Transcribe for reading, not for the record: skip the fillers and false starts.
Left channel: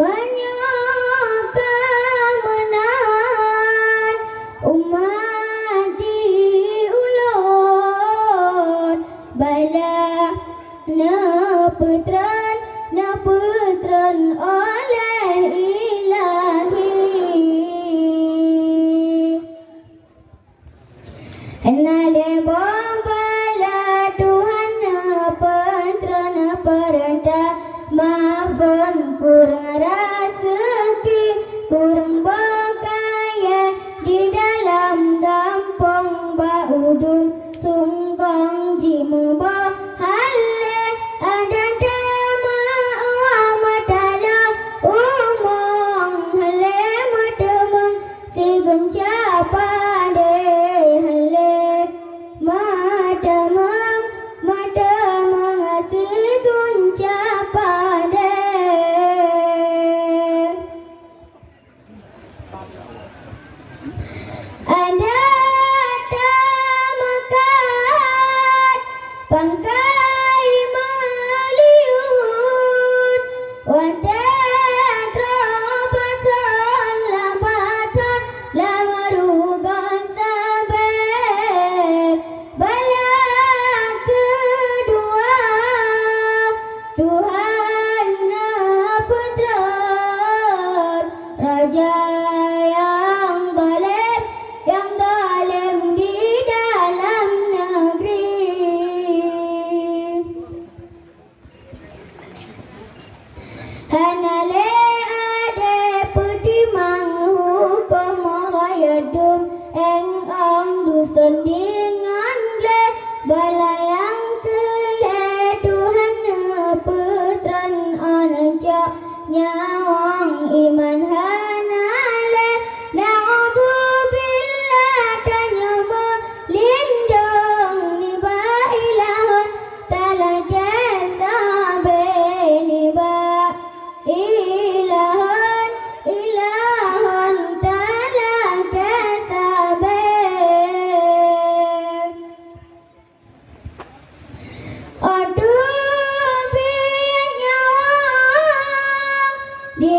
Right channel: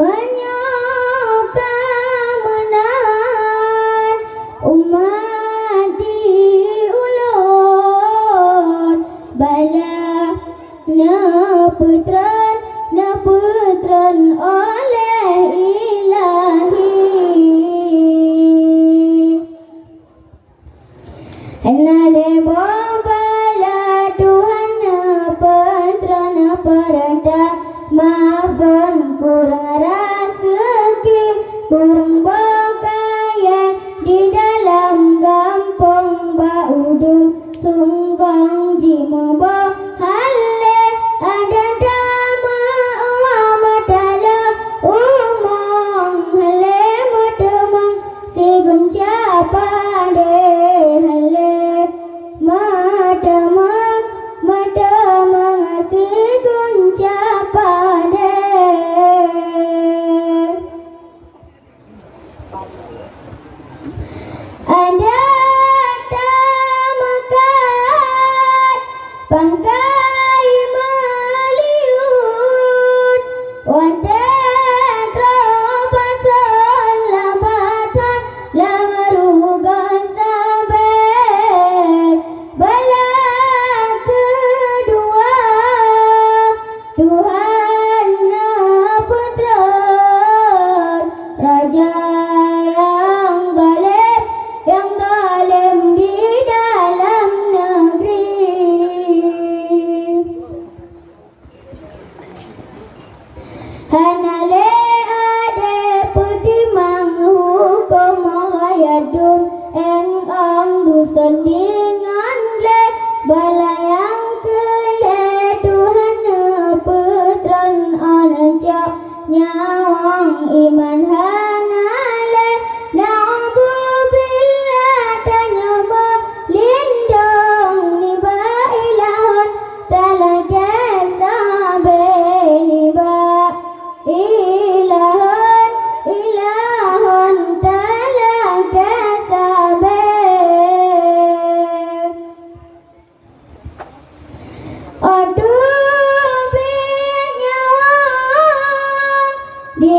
menyokamenan umat diulur bala neputran oleh ilahi nale bombala Tuhan neputran perintah maafkan kurang rezeki kurang berkaya di dalam gampang baudum sungkong jima bahale ada dama amatala umong hale matemang sigunca pade hale matemang sigunca pade ada tamakat pangkai meliut wadah lambatan lamarugan sabar bala kedua Tuhan Naputran Raja yang galem di dalam negeri hanale ade putimang hukum hayadun ang dusun dengan le balayang kele Tuhan Naputran ananja nyawang iman hanale na'udzubillah tanya melindung ni bailahan talaga sabe ni ilahun talaga sabe aduh biar nyawang di